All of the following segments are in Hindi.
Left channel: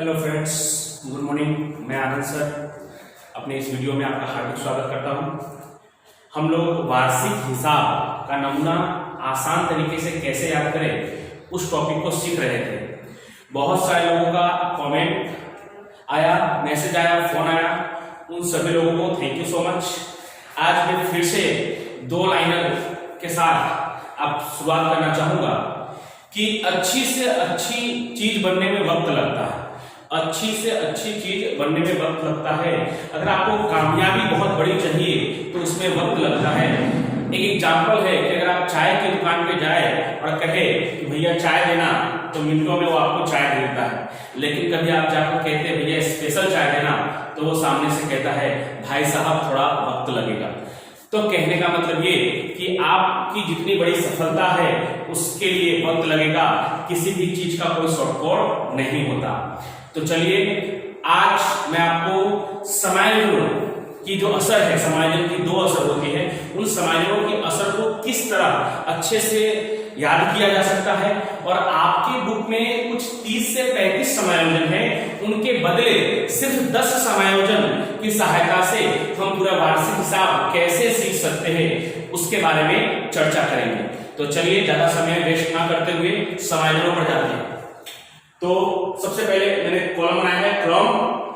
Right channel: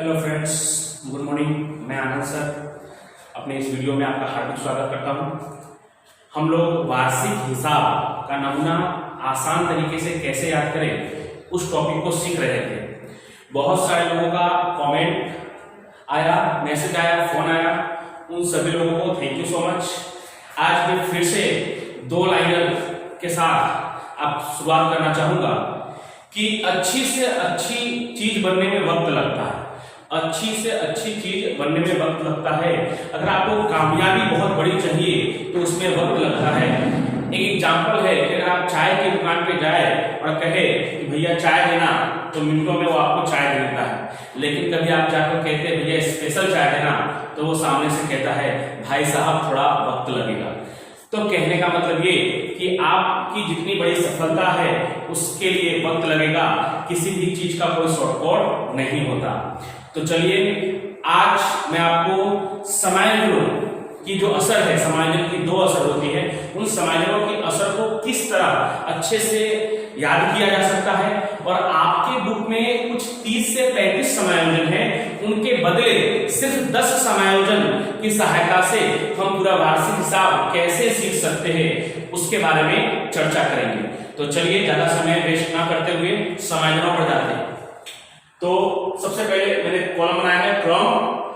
Hello friends, good morning. मैं आनंद सर अपने इस वीडियो में आपका हार्दिक स्वागत करता हूं। हम लोग वार्षिक हिसाब का नमूना आसान तरीके से कैसे याद करें उस टॉपिक को सीख रहे थे। बहुत सारे लोगों का कमेंट आया, मैसेज आया, फोन आया, उन सभी लोगों को थैंक यू सो मच। आज मैं फिर से दो लाइनर के साथ अब शुरुआत करना चाहूंगा कि अच्छी से अच्छी चीज बनने में वक्त लगता है। अच्छी से अच्छी चीज बनने में वक्त लगता है। अगर आपको कामयाबी बहुत बड़ी चाहिए तो उसमें वक्त लगता है। एक एग्जांपल है कि अगर आप चाय की दुकान पे जाए और कहे कि भैया चाय देना, तो मिनटों में वो आपको चाय दे देता है। लेकिन कभी आप जाकर कहते हैं भैया स्पेशल चाय देना, तो वो सामने से कहता है भाई साहब थोड़ा वक्त लगेगा। तो कहने का मतलब ये कि आपकी जितनी बड़ी सफलता है उसके लिए वक्त लगेगा। किसी भी चीज का कोई शॉर्टकट नहीं होता। तो चलिए आज मैं आपको समायोजनों की जो असर है, समायोजन की दो असर होती है, उन समायोजनों की असर को किस तरह अच्छे से याद किया जा सकता है। और आपके बुक में कुछ 30 से 35 समायोजन है, उनके बदले सिर्फ 10 समायोजन की सहायता से हम पूरा वार्षिक हिसाब कैसे सीख सकते हैं उसके बारे में चर्चा करेंगे। तो चलिए ज्यादा समय वेस्ट ना करते हुए समायोजनों पर जाते हैं। तो सबसे पहले मैंने कॉलम बनाया है क्रम,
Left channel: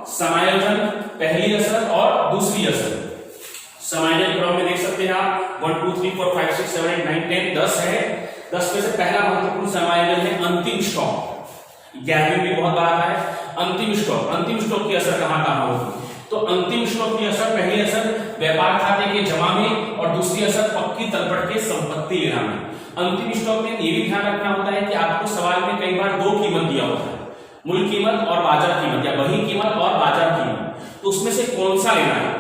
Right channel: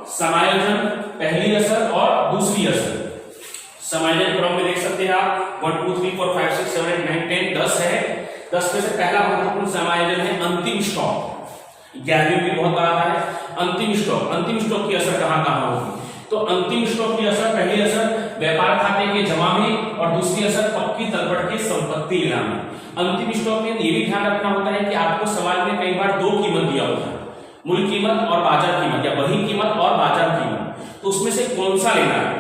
समायोजन, पहली असर और दूसरी असर। समायोजन क्रम में देख सकते हैं आप 1 2 3 4 5 6 7 8 9 10 10 है। 10 में से पहला महत्वपूर्ण समायोजन है अंतिम स्टॉप। 11वीं भी बहुत बड़ा है। अंतिम स्टॉप, अंतिम स्टॉप की असर कहां कहां होगी? तो अंतिम स्टॉप की असर, पहली असर व्यापार खाते के जमा में और दूसरी असर पक्की तलपट के संपत्ति लेना में। अंतिम स्टॉक में ये भी ध्यान रखना होता है कि आपको सवाल में कई बार दो कीमत दिया होता है, मूल कीमत और बाजार कीमत, या बही कीमत और बाजार कीमत। तो उसमें से कौन सा लेना है?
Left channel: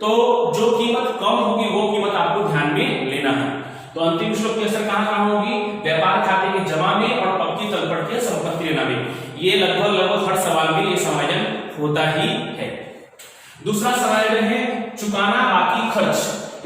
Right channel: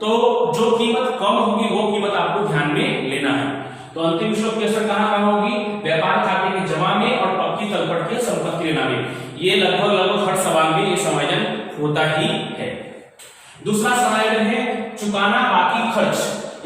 तो जो कीमत कम होगी वो कीमत आपको ध्यान में लेना है। तो अंतिम स्टॉक की असर कहां कहां होगी? व्यापार खाते के जमा में और पक्की तलपट के संपत्ति लेना में। ये लगभग हर सवाल में ये समायोजन होता ही है। दूसरा समायोजन है चुकाना बाकी खर्च,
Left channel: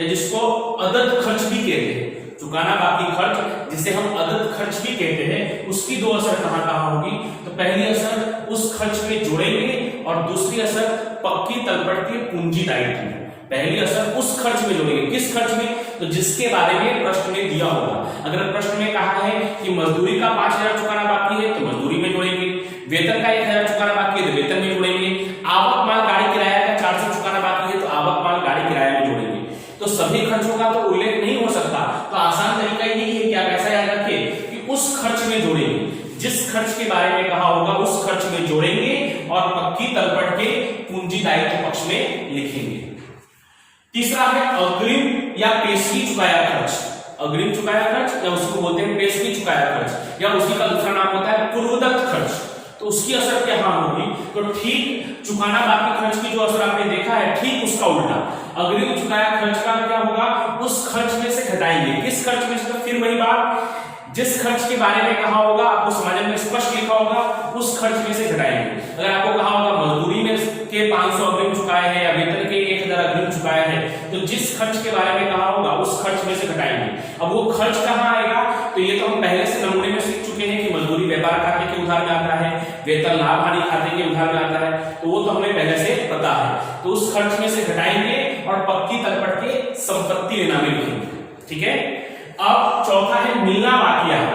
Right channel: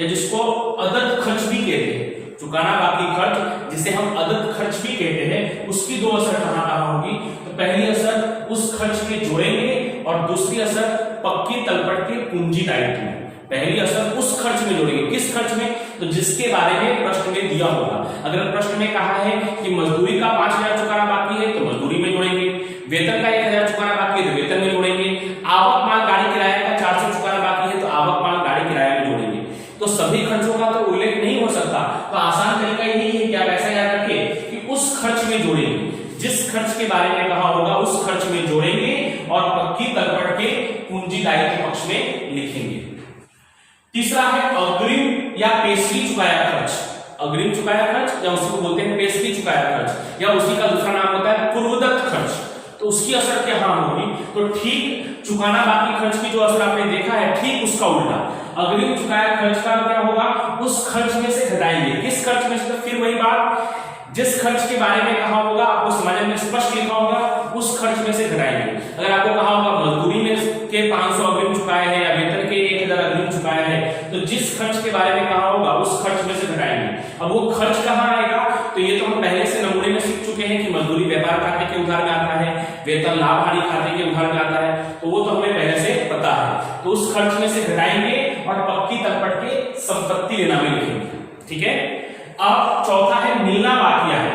या जिसको अदद खर्च भी कहते हैं। चुकाना बाकी खर्च, जिसे हम अदद खर्च भी कहते हैं, उसकी दो असर कहां कहां होगी? तो पहली असर उस खर्च के जोड़ेंगे और दूसरी असर पक्की तलपट के पूंजी दायित्व में। पहली असर उस खर्च में जोड़ेंगे, किस खर्च में? तो जिसके बारे में प्रश्न में दिया होगा। अगर प्रश्न में कहा है कि मजदूरी का 5000 चुकाना बाकी है तो मजदूरी में जोड़ेंगे, वेतन का 1000 चुकाना बाकी है तो वेतन में जोड़ेंगे, आवक माल गाड़ी किराया का 400 चुकाना बाकी है तो आवक माल गाड़ी किराया में जोड़ेंगे। तो सभी खर्चों का तो उल्लेख नहीं हो सकता। तो आसान तरीका यही है कि आप ऐसा याद रखें कि उस खर्च में जोड़ेंगे, जिस खर्च के बारे में कहा होगा उस खर्च में जोड़ेंगे और पक्की तलपट के पूंजी दायित्व पक्ष में लिखेंगे। तीसरा है अग्रिम या पेशगी चुकाया खर्च। अग्रिम चुकाया खर्च, या उसी को बोलते हैं पेशगी चुकाया खर्च, या उसी का दूसरा नाम होता है पूर्वदत्त खर्च। तो उसकी असर क्या होगी? तो ठीक चुकाना बाकी खर्च की जो असर आपने देखा है, ठीक उसका उल्टा अग्रिम चुकाया खर्च का क्या होगा? उस खर्च में से घटाएंगे। किस खर्च में से? तो फिर वही बात, जिस खर्च के बारे में कहा होगा आपको समायोजन में स्पष्ट लिखा होगा उस खर्च में से घटाएंगे। अगर आपको कहा होगा मजदूरी में के 500 अग्रिम चुकाए हैं या वेतन के 1000 अग्रिम चुकाए हैं, तो जिस खर्च के बारे में कहा होगा उस खर्च में से घटाएंगे। अब वो खर्च कहाँ आएगा? तो ये तो हम पहले से नमूने में सीख चुके हैं कि मजदूरी व्यापार खाते के उधार में आता है, वेतन लाभ हानि खाते के उधार में आता है, तो वो तो हमें पहले से पता है। तो उस खर्च में से घटाएंगे और पक्की तलपट के संपत्ति लेना में लिखेंगे। ठीक है। अब चौथा है मिलना बाकी आय।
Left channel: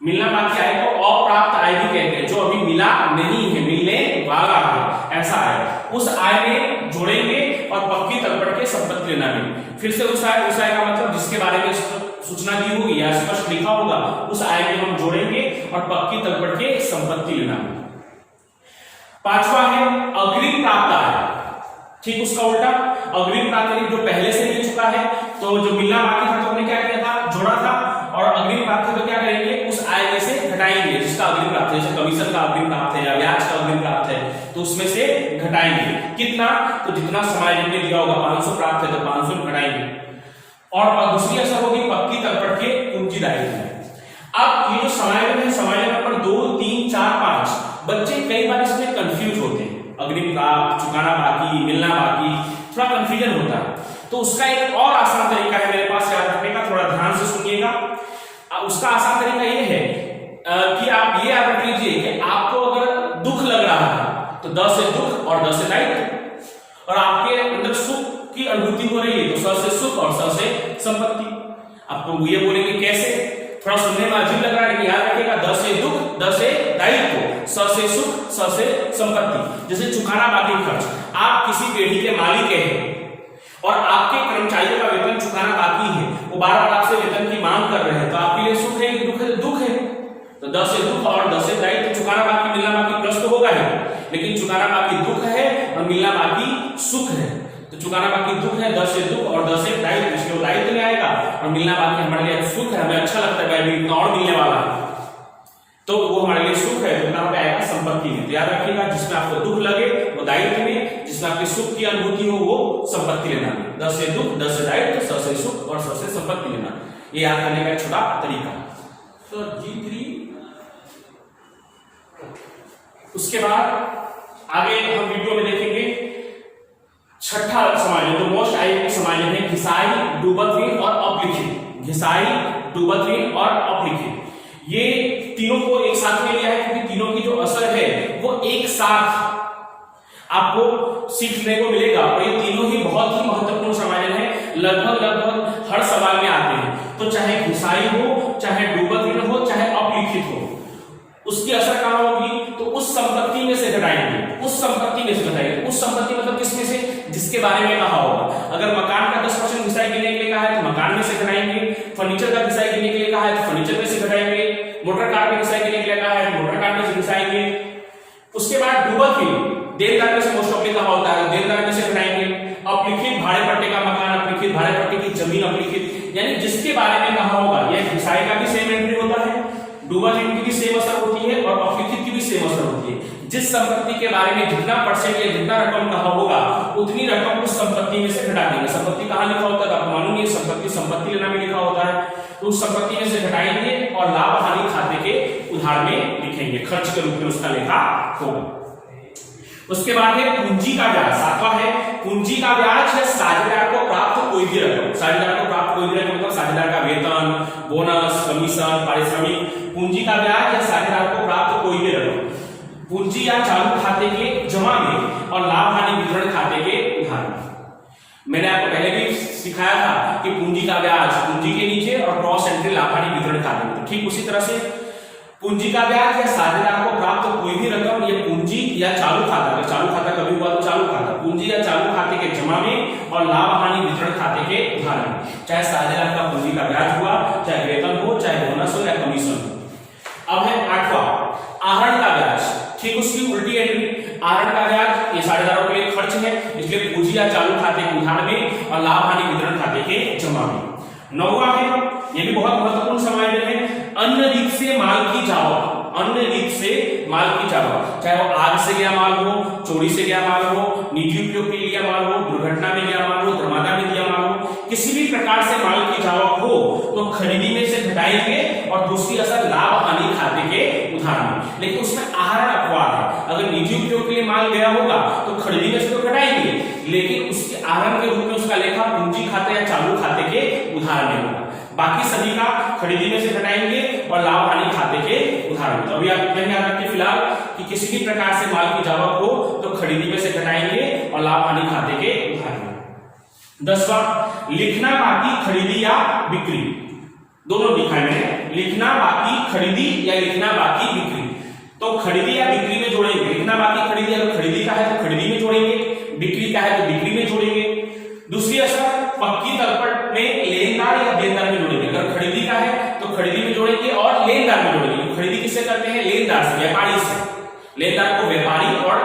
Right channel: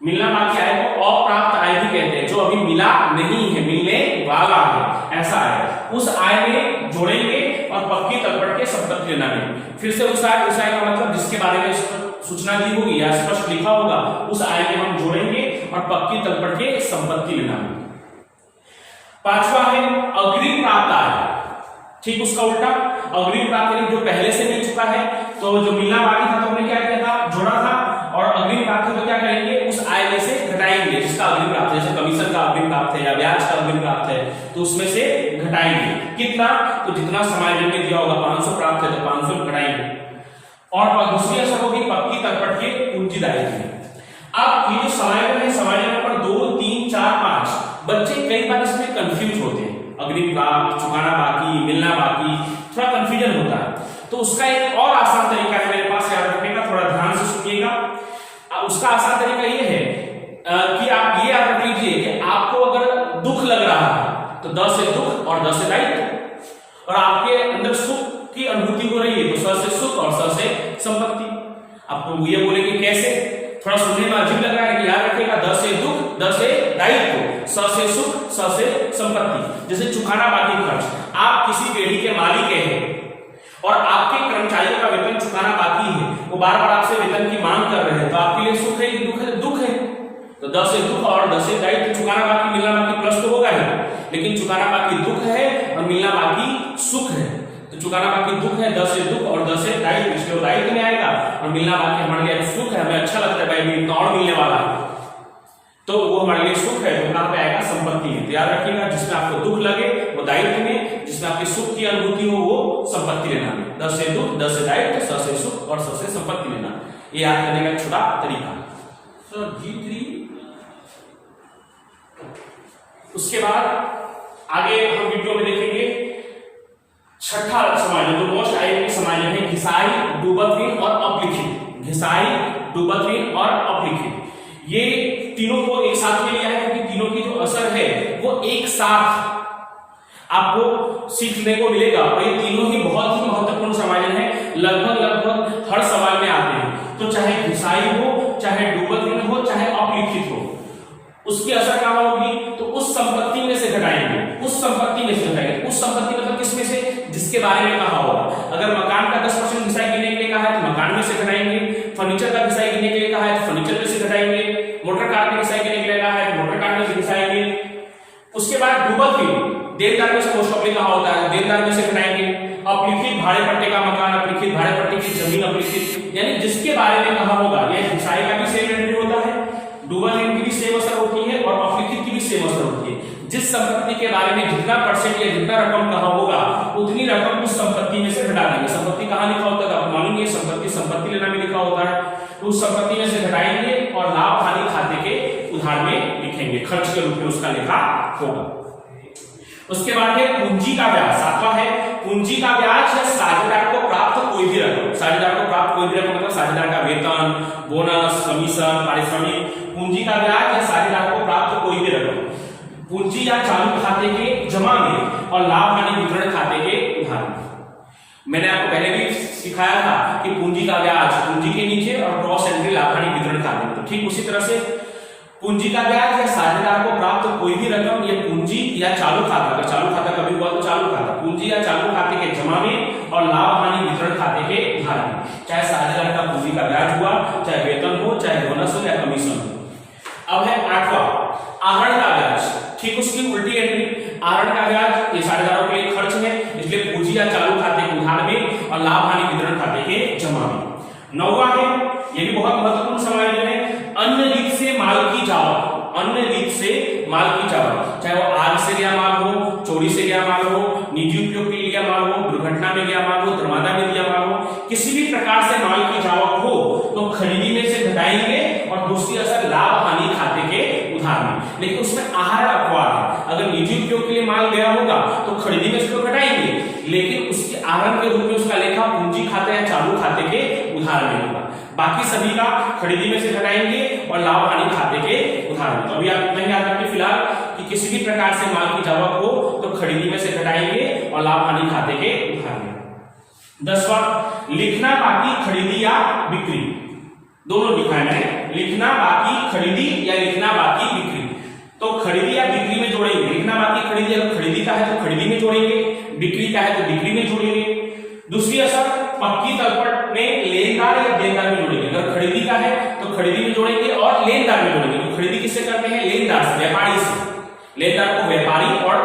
मिलना बाकी आय को अप्राप्त आय भी कहते हैं, जो अभी मिला नहीं है, मिलने वाला है, ऐसा है। उस आय में जोड़ेंगे और पक्की तलपट के संपत्ति लेना में। फिर से उस आय का मतलब जिसके बारे में सूचना दी होगी या स्पष्ट लिखा होगा उस आय में हम जोड़ेंगे और पक्की तलपट के संपत्ति लेना में। पांचवा है अग्रिम प्राप्त आय। ठीक उसका उल्टा अग्रिम प्राप्त, जो पहले से मिल चुका है, तो जो मिलना बाकी था तो हमने क्या किया था? जोड़ा था। और अग्रिम प्राप्त तो क्या करेंगे? उस आय में से घटाएंगे जिसका अग्रिम प्राप्त है। जैसे कमीशन का अग्रिम प्राप्त है या ब्याज का अग्रिम प्राप्त है, तो उसमें से घटाएंगे। कितना? तो जितना समायोजन में दिया होगा 500 प्राप्त है तो 500 घटाएंगे। और दूसरी असर होगी पक्की तलपट के पूंजी दायित्व। अब ये जो समायोजन है, समायोजन पर 2 3 4 5 बच्चे कई बार इसमें कंफ्यूज होते हैं। अग्रिम प्राप्त, चुकाना बाकी, मिलना बाकी, थोड़ा कंफ्यूजन होता है। तो उसका एक और आसान तरीका है मेरे पास याद रखने का, थोड़ा ध्यान से सुनिएगा। उसका आसान तरीका ये है कि आप ये याद रख लीजिए कि आपको अगर दुख तो द से दुख और द से दायित्व। और आपके अंदर सुख की अनुभूति हो रही है तो स से सुख और स से संपत्ति। आपको ये बोलेंगे कैसे, थोड़ा सुनने में अजीब लग रहा है, याद रखिएगा द से दुख, द से दायित्व, स से सुख, स से संपत्ति। जैसे चुकाना बाकी खर्च, आप किसी पेढ़ी के मालिक हैं और आपके कर्मचारियों का वेतन चुकाना बाकी है, वो बार बार आपसे वेतन की मांग कर रहे हैं, तो आपके लिए सुख है दुख है? दुख है। तो द से दुख और द से दायित्व, चुकाना बाकी मिलना बाकी प्लस तो होगा है, लेकिन चुकाना बाकी दुख है और मिलना बाकी सुख है। तो चुकाना बाकी दुख है, द से दुख और द से दायित्व, इसलिए दायित्व में आएगा और मिलना बाकी हमारे लिए सुख है, हमें अच्छा लगता है भाई इतना और मिलने वाला है, तो वो हमारे लिए सुख है, तो कहां पे आएगा? संपत्ति में। तो याद रखिएगा जिसमें आपको दुख लगे वो दायित्व में, जिसमें आपकी सुख की अनुभूति हो वो संपत्ति लेना में। द से दुख, द से दायित्व, स से सुख और स से संपत्ति लेना, ये याद करने का एक छोटा तरीका। तो G3। उसके बाद आगे हम वीडियो में देखेंगे छठा समायोजन, जो मोस्ट आईएमपी समायोजन है घिसाई, डूबत ऋण और अपलिखित। घिसाई, डूबत ऋण और अपलिखित, ये तीनों को एक साथ में लिया है क्योंकि तीनों की जो असर है वो एक साथ आपको सीखने को मिलेगा और ये तीनों ही बहुत ही महत्वपूर्ण समायोजन है, लगभग हर सवाल में आते हैं। तो चाहे घिसाई हो, चाहे डूबत ऋण हो, चाहे अपलिखित हो, उसकी असर कहां होगी? तो उस संपत्ति में से घटाएंगे, उस संपत्ति में से घटाएंगे। उस संपत्ति मतलब किसमें से? जिसके बारे में कहा होगा। अगर मकान का 10% घिसाई गिनने के लिए कहा है तो मकान में से घटाएंगे, फर्नीचर का घिसाई गिनने के लिए कहा है तो फर्नीचर में से घटाएंगे, मोटर कार में घिसाई गिनने के लिए कहा है तो मोटर कार में से घिसाएंगे। उसके बाद डूबत ऋण, देनदार में से मोस्ट ऑफली कहा होता है, देनदार में से घटाएंगे। अपलिखित, भाड़े पट्टे का मकान अपलिखित, भाड़े पट्टे की जमीन अपलिखित, यानी जिसके बारे में कहा होगा। यह घिसाई का भी सेम एंट्री होता है, डूबत ऋण की भी सेम असर होती है और अपलिखित की भी सेम असर होती है। जिस संपत्ति के बारे में जितना परसेंट या जितना रकम कहा होगा उतनी रकम उस संपत्ति में से घटा देंगे। संपत्ति कहां लिखा होता है? आपको मालूम है संपत्ति लेना में लिखा होता है, तो उस संपत्ति में से घटाएंगे और लाभ हानि खाते के उधार में लिखेंगे, खर्च के रूप में उसका लेखा होगा। उसके बाद है पूंजी का ब्याज, सातवां है पूंजी का ब्याज या साझेदार को प्राप्त कोई भी रकम। साझेदार को प्राप्त कोई भी रकम मतलब साझेदार का वेतन, बोनस, कमीशन, पारिश्रमिक। पूंजी का ब्याज या साझेदार को प्राप्त कोई भी रकम पूंजी या चालू खाते के जमा में और लाभ हानि विवरण खाते के उधार में। मैंने आपको पहले भी सिखाया था कि पूंजी का ब्याज पूंजी के नीचे और क्रॉस एंट्री लाभ हानि विवरण खाते में। तो ठीक उसी तरह से पूंजी का ब्याज या साझेदार को प्राप्त कोई भी रकम, ये पूंजी या चालू खाता, अगर चालू खाता कभी हुआ तो चालू खाता, पूंजी या चालू खाते के जमा में और लाभ हानि वितरण खाते के उधार में। चाहे साझेदार का पूंजी का ब्याज हुआ, चाहे वेतन हो, चाहे बोनस हो, चाहे कमीशन हो। अब है आठवां आहरण का ब्याज, ठीक उसकी उल्टी एंट्री। आहरण का ब्याज ये साझेदारों के लिए खर्च है, इसलिए पूंजी या चालू खाते के उधार में और लाभ हानि वितरण खाते के जमा में। नौवां है, ये भी बहुत महत्वपूर्ण समायोजन है, अन्य रीत से माल की जावक। अन्य रीत से माल की जावक, चाहे वो आग से गया माल हो, चोरी से गया माल हो, निजी उपयोग के लिए गया माल हो, दुर्घटना में गया माल हो, धर्मादा में दिया माल हो, किसी भी प्रकार से माल की जावक हो तो खरीदी में से घटाएंगे और दूसरी असर लाभ हानि खाते के उधार में। लेकिन उसमें आहरण अपवाद है, अगर निजी उपयोग के लिए माल गया होगा तो खरीदी में से तो घटाएंगे, लेकिन उसके आहरण के रूप में उसका लेखा पूंजी खाते या चालू खाते के उधार में होगा। बाकी सभी का खरीदी में से घटाएंगे और लाभ हानि खाते के उधार में। तो अभी आप ध्यान रखिए फिलहाल कि किसी भी प्रकार से माल की जावक हो तो खरीदी में से घटाएंगे और लाभ हानि खाते के उधार में। 10वां लिखना बाकी खरीदी या बिक्री, दोनों लिखा है मैंने, लिखना बाकी खरीदी या लिखना बाकी बिक्री। तो खरीदी या बिक्री में जोड़ेंगे, लिखना बाकी खरीदी, अगर खरीदी का है तो खरीदी में जोड़ेंगे, बिक्री का है तो बिक्री में जोड़ेंगे। दूसरी असर पक्की तलपट में लेनदार या देनदार में जोड़ेंगे, अगर खरीदी का है तो खरीदी में जोड़ेंगे और लेनदार में जोड़ेंगे। खरीदी किससे करते हैं? लेनदार से, व्यापारी से। लेनदार को व्यापारी और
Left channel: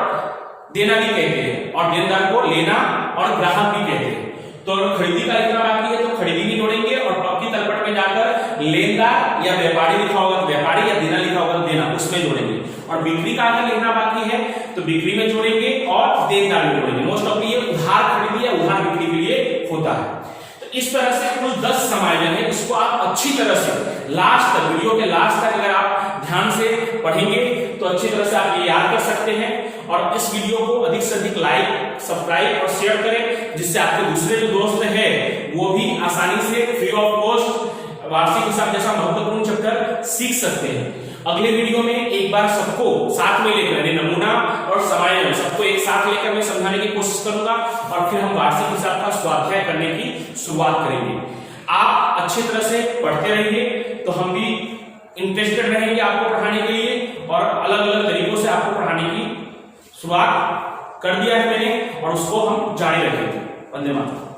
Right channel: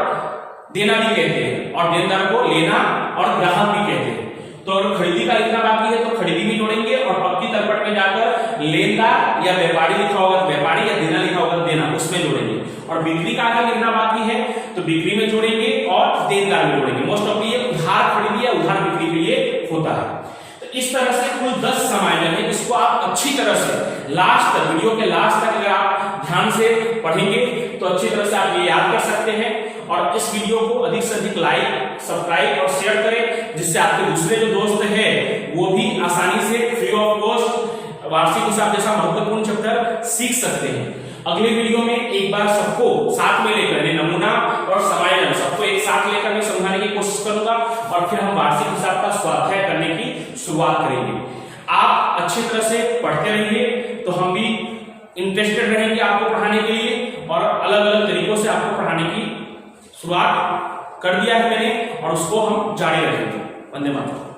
देना भी कहते हैं और देनदार को लेना और ग्राहक भी कहते हैं। तो खरीदी का लिखना बाकी है तो खरीदी में जोड़ेंगे और पक्की तलपट में जाकर लेनदार या व्यापारी लिखा होगा तो व्यापारी या देना लिखा होगा तो देना, उसमें जोड़ेंगे। और बिक्री का अगर लिखना बाकी है तो बिक्री में जोड़ेंगे और देनदार में जोड़ेंगे। मोस्ट ऑफ ये उधार खरीदी या उधार बिक्री के लिए होता है। तो इस तरह से कुल 10 समायोजन है, इसको आप अच्छी तरह से लास्ट तक, वीडियो के लास्ट तक अगर आप ध्यान से पढ़ेंगे तो अच्छी तरह से आप ये याद कर सकते हैं। और इस वीडियो को अधिक से अधिक लाइक, सब्सक्राइब और शेयर करें, जिससे आपके दूसरे जो दोस्त हैं वो भी आसानी से फ्री ऑफ कॉस्ट वार्षिक हिसाब जैसा महत्वपूर्ण चैप्टर सीख सकते हैं। अगले वीडियो में एक बार सबको साथ में लेकर नमूना और समायोजन क्रम में समझाने की कोशिश करूंगा और फिर हम वार्षिक हिसाब का स्वाध्याय करने की शुरुआत करेंगे। आप अच्छी तरह से पढ़ते रहिए तो हम भी इंटरेस्टेड रहेंगे आपको पढ़ाने के लिए, और अलग अलग तरीकों से आपको पढ़ाने की शुरुआत कर दिया है मैंने और उसको हम जारी रखेंगे। वंदे मातरम।